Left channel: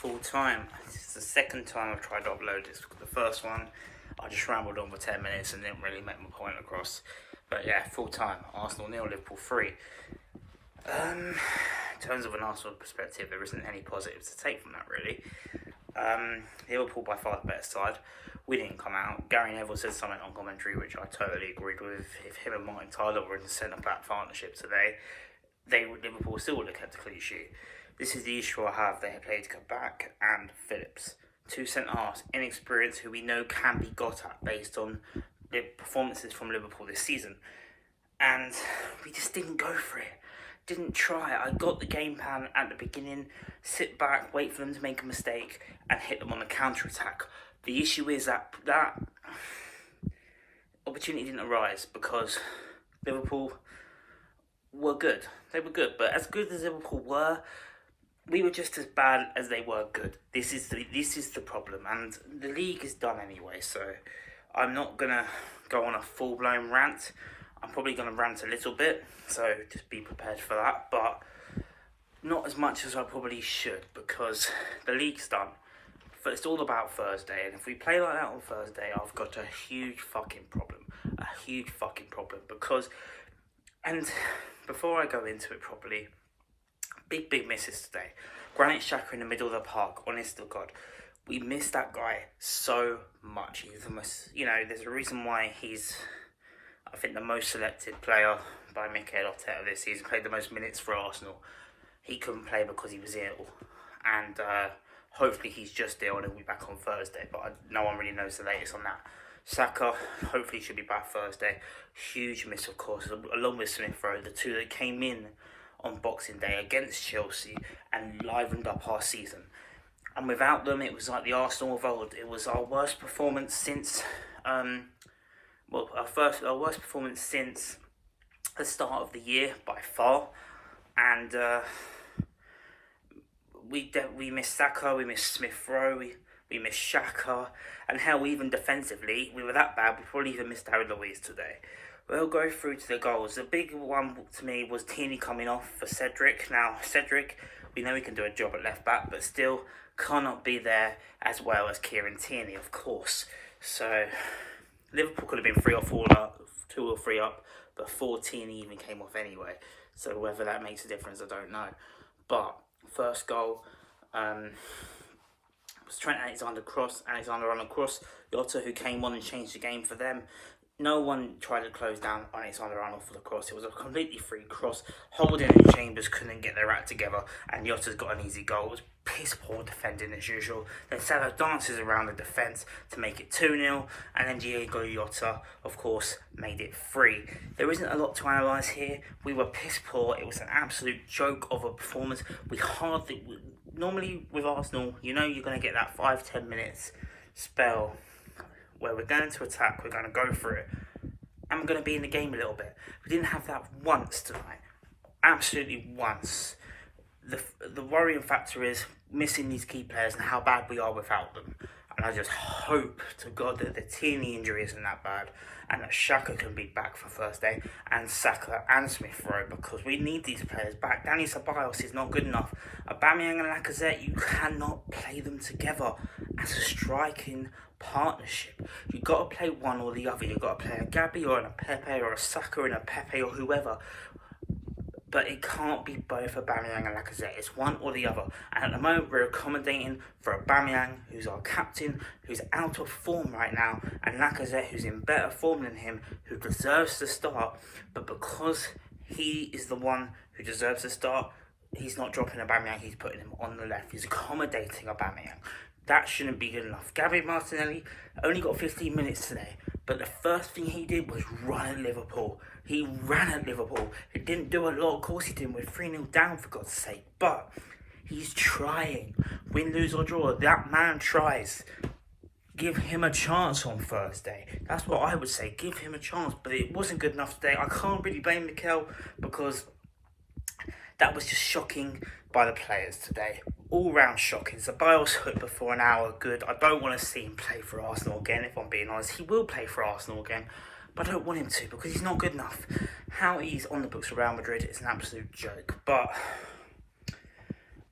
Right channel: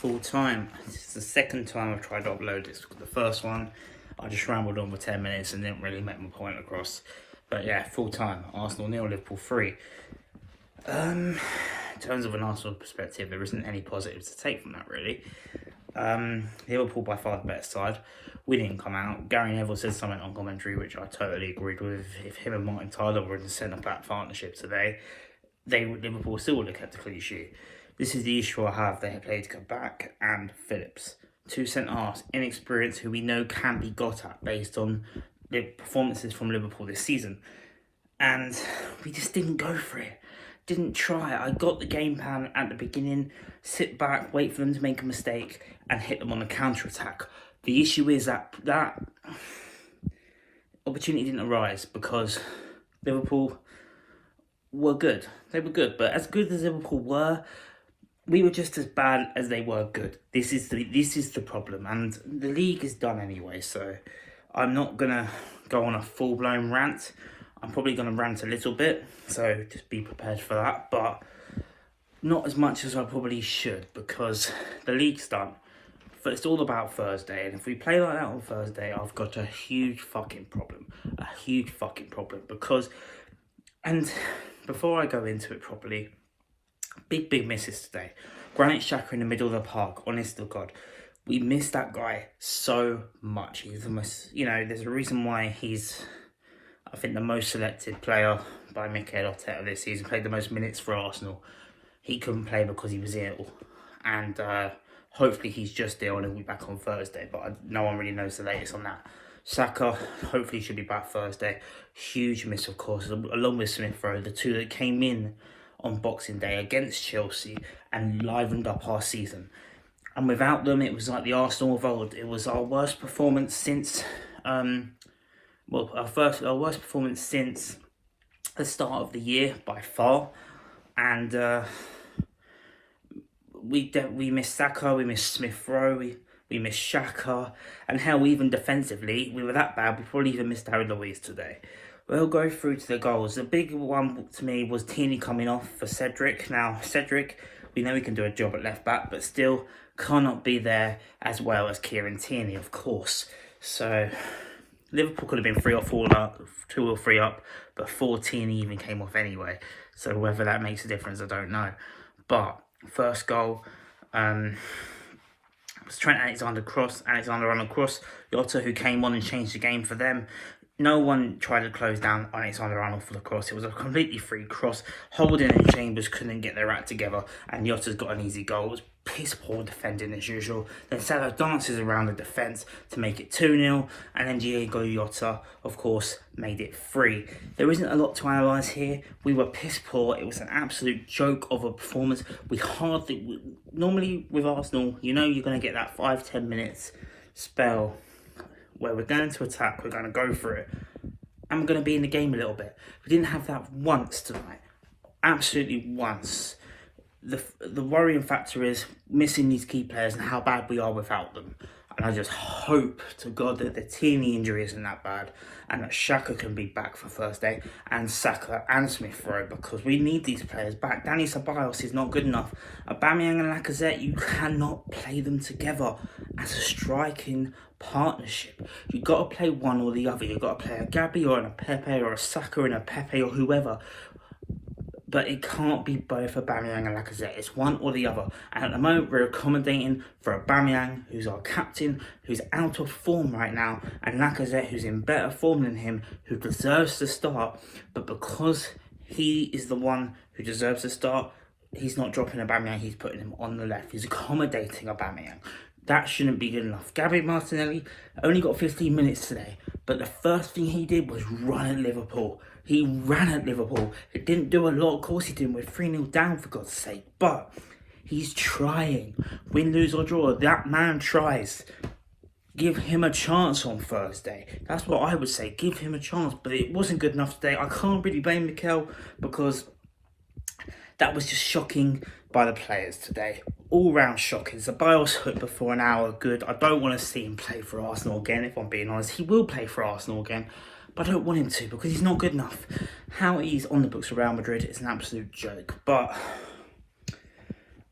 full time. This is the second time I've tried to upload this. The first one, I just rambled on for 10 minutes and didn't really make my point across. But yeah, full time. Arsenal 0, Liverpool 3. In terms of an Arsenal perspective, there isn't any positives to take from that, really. Liverpool by far the better side. We didn't come out. Gary Neville said something on commentary which I totally agreed with. If him and Martin Tyler were in the centre-back partnership today, Liverpool still would have kept a clean sheet. This is the issue I have. They played Kabak and Phillips. Two centre-halves, inexperienced, who we know can be got at based on the performances from Liverpool this season. And we just didn't go for it. Didn't try. I got the game plan at the beginning. Sit back, wait for them to make a mistake and hit them on the counter-attack. The issue is that opportunity didn't arise because Liverpool were good. They were good, but as good as Liverpool were, we were just as bad as they were good. This is the problem, and the league is done anyway. So I'm not gonna go on a full-blown rant. I'm probably gonna rant a little bit, so just be prepared for that. But not as much as I probably should because the league's done. But it's all about Thursday, and if we play like that on Thursday, I've got a huge fucking problem. A huge fucking problem because, and before I go into it properly, big misses today. Granit Xhaka in the middle of the park, honest to God. We miss that guy so much. He's the most, there's a reason why he's, I think, the most selected player by Mikel Arteta this season. Played the most minutes for Arsenal. He couldn't play because he was ill. And hopefully he's just ill and he'll be back on Thursday. But no one really knows the latest on that. Saka, hopefully should be back Thursday. Huge miss, of course, along with Smith Rowe, the two that came in on Boxing Day against Chelsea and livened up our season. And without them, it was like the Arsenal of old. It was our worst performance since, our worst performance since the start of the year by far. And we missed Saka, we missed Smith Rowe, we missed Xhaka, and hell, even defensively, we were that bad, we probably even missed David Luiz today. We'll go through to the goals. The big one to me was Tierney coming off for Cedric. Now, Cedric, we know he can do a job at left back, but still cannot be there as well as Kieran Tierney, of course. So, Liverpool could have been 3 or 4 up, 2 or 3 up, but 4 Tierney even came off anyway. So, whether that makes a difference, I don't know. But, first goal, was Trent Alexander-Arnold cross. Jota, who came on and changed the game for them. No one tried to close down Alexander-Arnold for the cross. It was a completely free cross. Holding and Chambers couldn't get their act together, and Jota's got an easy goal. It was piss poor defending as usual. Then Salah dances around the defence to make it 2-0, and then Diego Jota, of course, made it 3. There isn't a lot to analyse here. We were piss poor. It was an absolute joke of a performance. Normally with Arsenal, you're going to get that 5-10 minutes spell where we're going to attack, we're going to go for it, and we're going to be in the game a little bit. We didn't have that once tonight. Absolutely once. The worrying factor is missing these key players and how bad we are without them. And I just hope to God that the Tierney injury isn't that bad and that Xhaka can be back for Thursday, and Saka and Smith Rowe, because we need these players back. Dani Ceballos is not good enough. Aubameyang and Lacazette, you cannot play them together as a striking partnership. You've got to play one or the other. You've got to play a Gabby or a Pepe or a Saka and a Pepe or whoever. But it can't be both Aubameyang and Lacazette. It's one or the other. And at the moment, we're accommodating for Aubameyang, who's our captain, who's out of form right now, and Lacazette, who's in better form than him, who deserves to start. But because he is the one who deserves to start, he's not dropping Aubameyang, he's putting him on the left. He's accommodating Aubameyang. That shouldn't be good enough. Gabriel Martinelli only got 15 minutes today, but the first thing he did was run at Liverpool. He ran at Liverpool. It didn't do a lot. Of course he didn't. We're 3-0 down, for God's sake. But he's trying. Win, lose or draw, that man tries. Give him a chance on Thursday. That's what I would say. Give him a chance. But it wasn't good enough today. I can't really blame Mikel because that was just shocking by the players today. All round shocking. Ceballos hooked before an hour. Good. I don't want to see him play for Arsenal again, if I'm being honest. He will play for Arsenal again, but I don't want him to because he's not good enough. How he's on the books of Real Madrid is an absolute joke. But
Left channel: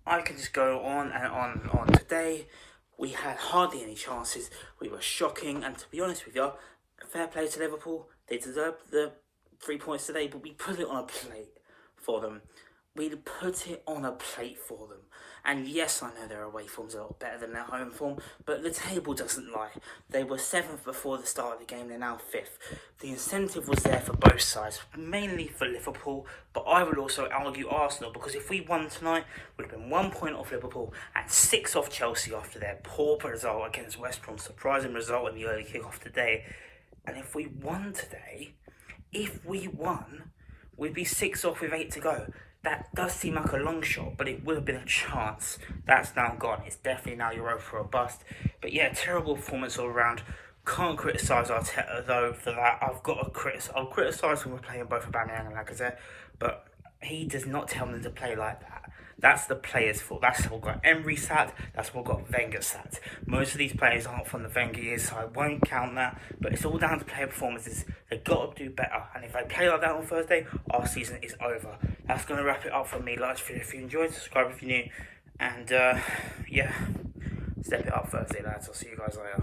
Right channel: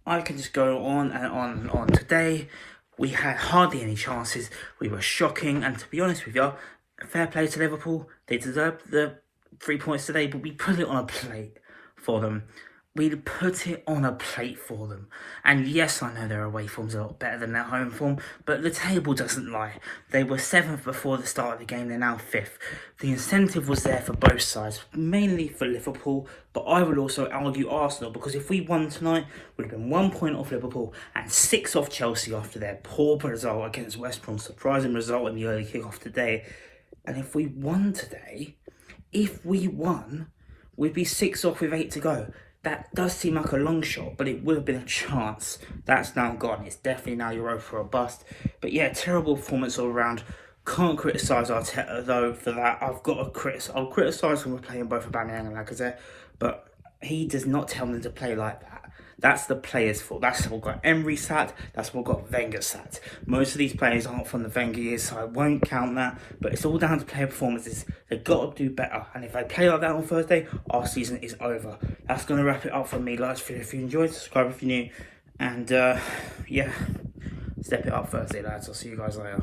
I could just go on and on and on to today, we had hardly any chances. We were shocking, and to be honest with you, fair play to Liverpool. They deserved the 3 points today, but we put it on a plate for them. We put it on a plate for them. And yes, I know their away form's a lot better than their home form, but the table doesn't lie. They were 7th before the start of the game, they're now 5th. The incentive was there for both sides, mainly for Liverpool, but I would also argue Arsenal, because if we won tonight, we would have been 1 point off Liverpool and 6 off Chelsea after their poor result against West Brom, surprising result in the early kick-off today. And if we won today, we'd be 6 off with 8 to go. That does seem like a long shot, but it would have been a chance. That's now gone. It's definitely now Europa or bust. But yeah, terrible performance all around. Can't criticise Arteta though for that. I'll criticise him for playing both Aubameyang and Lacazette, but he does not tell them to play like that. That's the players' fault. That's what got Emery sacked. That's what got Wenger sacked. Most of these players aren't from the Wenger years, so I won't count that. But it's all down to player performances. They've got to do better. And if they play like that on Thursday, our season is over. That's going to wrap it up for me. Like if you enjoyed, subscribe if you're new. And yeah, step it up Thursday, lads. I'll see you guys later.